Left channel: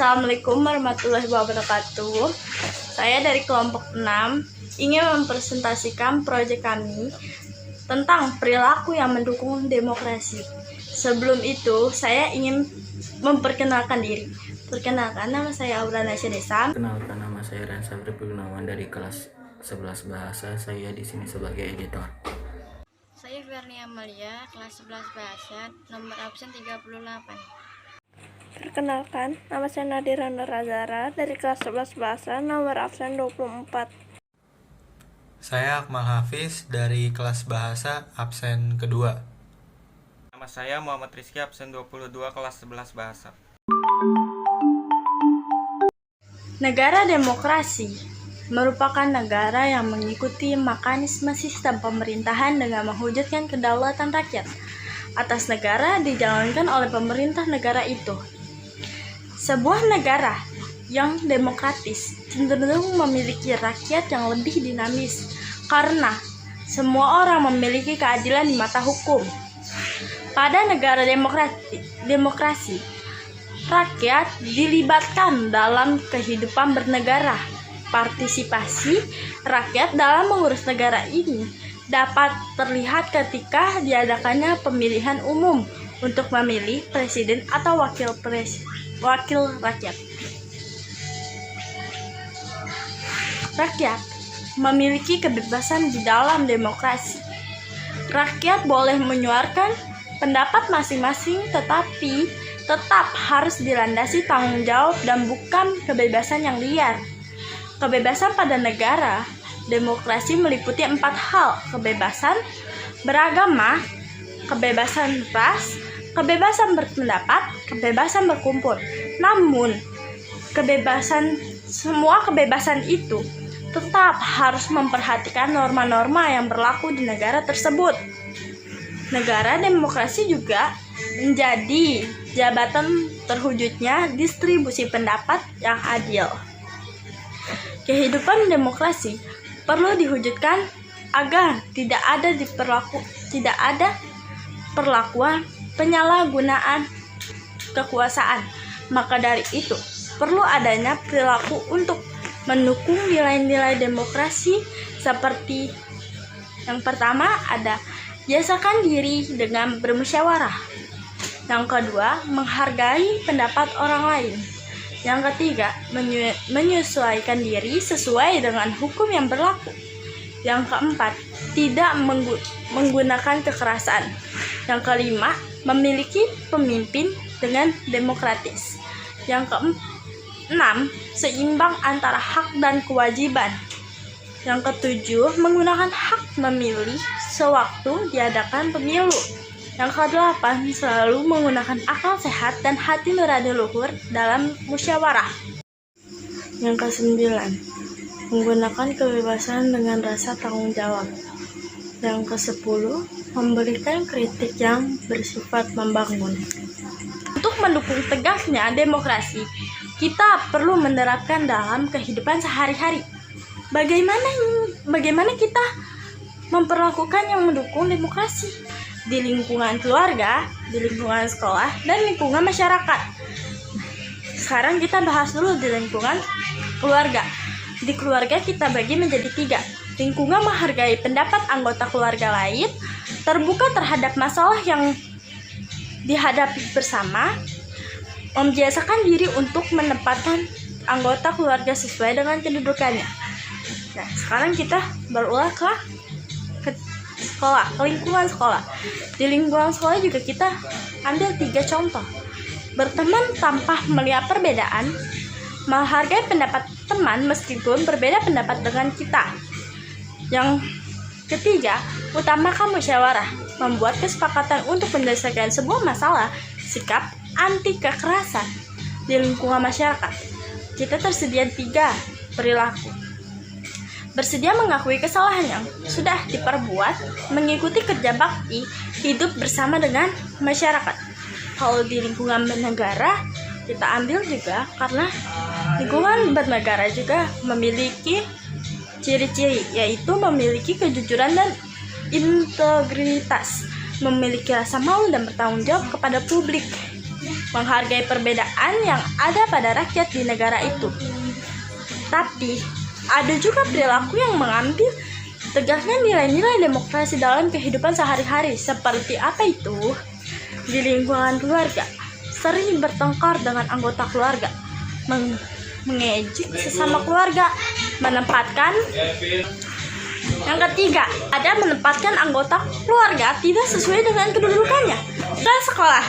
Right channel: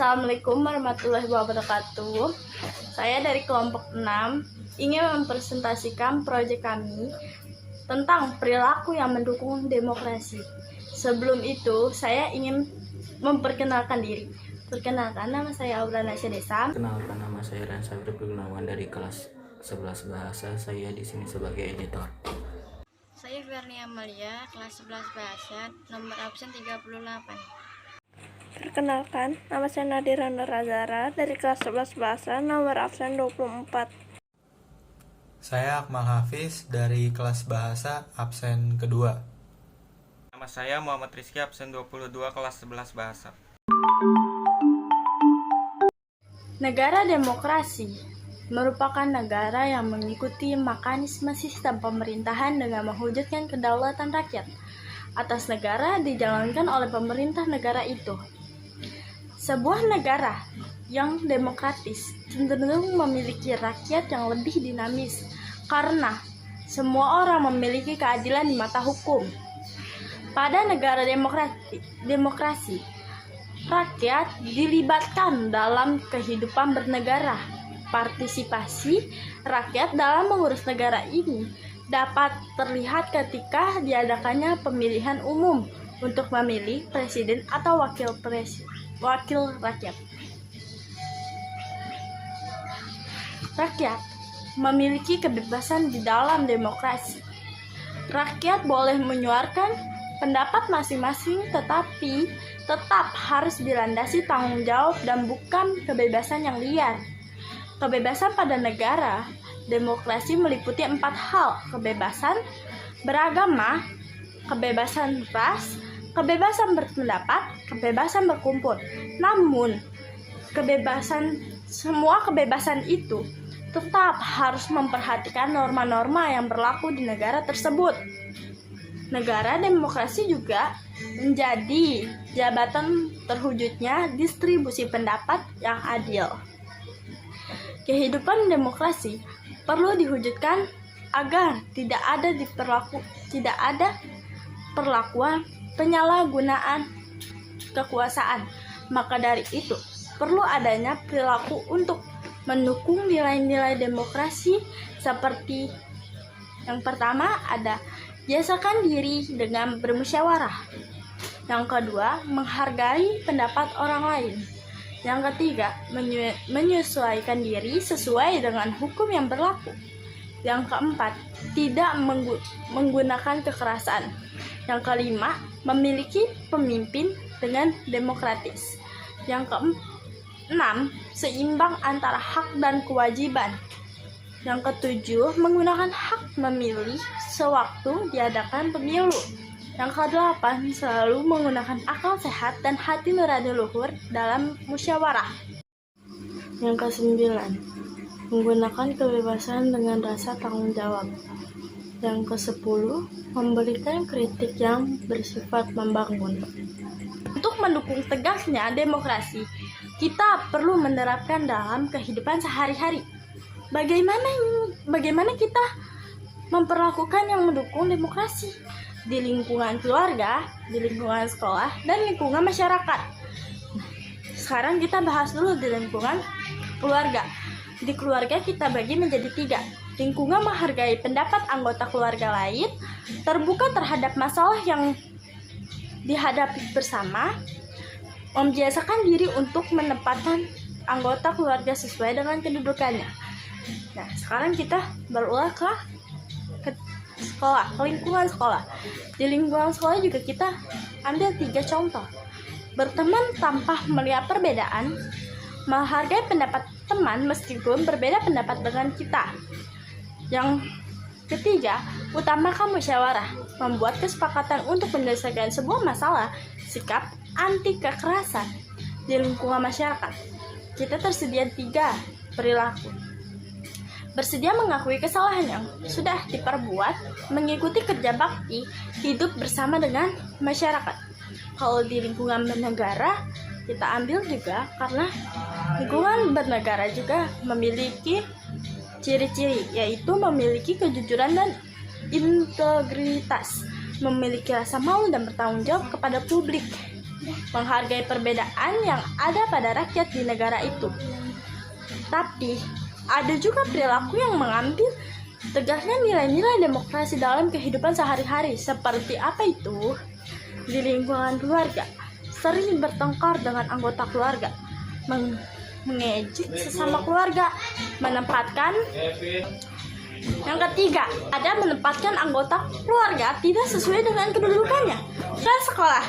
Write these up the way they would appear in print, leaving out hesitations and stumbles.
Assalamualaikum warahmatullahi wabarakatuh. Saya dari kelompok 6 ingin mempresentasikan proyek kami tentang perilaku yang mendukung demokrasi. Sebelum itu, saya ingin memperkenalkan diri. Perkenalkan, nama saya Aura Nasya Desa. Kenalkan, nama saya Ransa Gunawan dari kelas 11 bahasa. Saya di sini sebagai editor. Saya Vernia Amalia, kelas 11 bahasa, nomor absen 38. Perkenalkan, nama saya Nadira Nurazara dari kelas 11 bahasa, nomor absen 24. Saya Akmal Hafiz dari kelas bahasa, absen kedua. Nama saya Muhammad Rizky, absen 22, kelas 11 bahasa. Negara demokrasi merupakan negara yang mengikuti mekanisme sistem pemerintahan dengan mewujudkan kedaulatan rakyat atas negara dijalankan oleh pemerintah negara itu. Sebuah negara yang demokratis cenderung memiliki rakyat yang lebih dinamis karena semua orang memiliki keadilan di mata hukum. Pada negara demokrasi, rakyat dilibatkan dalam kehidupan bernegara. Partisipasi rakyat dalam mengurus negara ini dapat terlihat ketika diadakannya pemilihan umum untuk memilih presiden atau wakil rakyat. Rakyat memiliki kebebasan di dalam demokrasi. Rakyat boleh menyuarakan pendapat masing-masing, tetapi tetap harus dilandasi tanggung jawab dan bukan kebebasan yang liar. Kebebasan pada negara demokrasi meliputi 4 hal: kebebasan beragama, kebebasan ras, kebebasan berpendapat, kebebasan berkumpul. Namun, semua kebebasan itu tetap harus memperhatikan norma-norma yang berlaku di negara tersebut. Negara demokrasi juga menjadi jabatan terwujudnya distribusi pendapat yang adil. Kehidupan demokrasi perlu diwujudkan agar tidak ada perlakuan penyalahgunaan kekuasaan. Maka dari itu, perlu adanya perilaku untuk mendukung nilai-nilai demokrasi seperti yang pertama ada biasakan diri dengan bermusyawarah. Yang kedua, menghargai pendapat orang lain. Yang ketiga, menyesuaikan diri sesuai dengan hukum yang berlaku. Yang keempat, tidak menggunakan kekerasan. Yang kelima, memiliki pemimpin dengan demokratis. Yang keenam, seimbang antara hak dan kewajiban. Yang ketujuh, menggunakan hak memilih sewaktu diadakan pemilu. Yang kedelapan, selalu menggunakan akal sehat dan hati nurani luhur dalam musyawarah. Yang kesembilan, menggunakan kebebasan dengan rasa tanggung jawab. Yang kesepuluh, memberikan kritik yang bersifat membangun. Untuk mendukung tegaknya demokrasi, kita perlu menerapkan dalam kehidupan sehari-hari. Bagaimana kita memperlakukan yang mendukung demokrasi di lingkungan keluarga, di lingkungan sekolah, dan lingkungan masyarakat. Sekarang kita bahas dulu di lingkungan keluarga. Di keluarga kita bagi menjadi 3. Lingkungan menghargai pendapat anggota keluarga lain, terbuka terhadap masalah yang dihadapi bersama, membiasakan diri untuk menempatkan anggota keluarga sesuai dengan kedudukannya. Nah, sekarang kita berulang ke sekolah, ke lingkungan sekolah. Di lingkungan sekolah juga kita ambil 3 contoh. Berteman tanpa melihat perbedaan, menghargai pendapat teman meskipun berbeda pendapat dengan kita. Yang ketiga, utamakan musyawarah, membuat kesepakatan untuk menyelesaikan sebuah masalah. Sikap anti kekerasan. Di lingkungan masyarakat, kita tersedia 3 perilaku: bersedia mengakui kesalahan yang sudah diperbuat, mengikuti kerja bakti, hidup bersama dengan masyarakat. Kalau di lingkungan bernegara, kita ambil juga karena lingkungan bernegara juga memiliki ciri-ciri, yaitu memiliki kejujuran dan integritas, memiliki rasa malu dan bertanggung jawab kepada publik. menghargai perbedaan yang ada pada rakyat di negara itu. Tapi, ada juga perilaku yang mengambil tegasnya nilai-nilai demokrasi dalam kehidupan sehari-hari. Seperti apa itu? Di lingkungan keluarga, sering bertengkar dengan anggota keluarga, mengejek sesama keluarga, menempatkan yang ketiga, ada menempatkan anggota keluarga tidak sesuai dengan kedudukannya. Dan sekolah,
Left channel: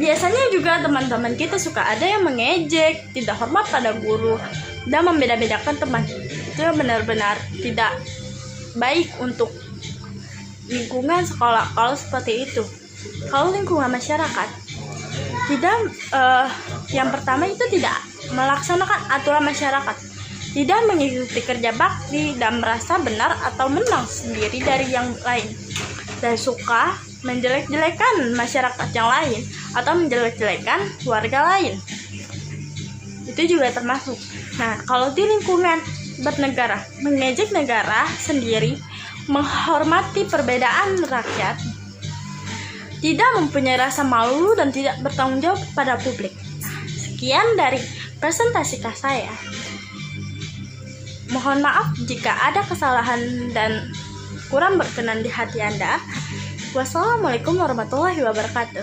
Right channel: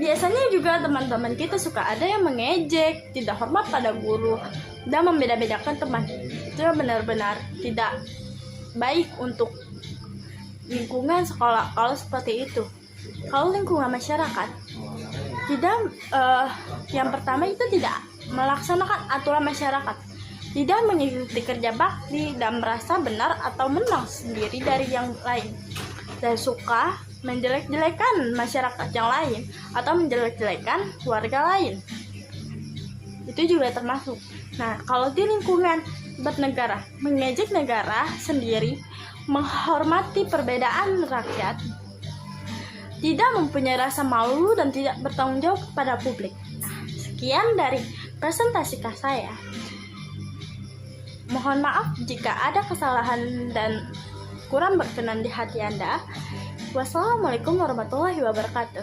biasanya juga teman-teman kita suka ada yang mengejek, tidak hormat pada guru, dan membeda-bedakan teman. Itu yang benar-benar tidak baik untuk lingkungan sekolah kalau seperti itu. Kalau lingkungan masyarakat, tidak yang pertama itu tidak melaksanakan aturan masyarakat, tidak mengikuti kerja bakti dan merasa benar atau menang sendiri dari yang lain, dan suka menjelek-jelekan masyarakat yang lain atau menjelek-jelekan warga lain. Itu juga termasuk. Nah, kalau di lingkungan bernegara, mengejek negara sendiri, menghormati perbedaan rakyat, tidak mempunyai rasa malu dan tidak bertanggung jawab pada publik. Sekian dari presentasi saya. Mohon maaf jika ada kesalahan dan kurang berkenan di hati Anda. Wassalamualaikum warahmatullahi wabarakatuh.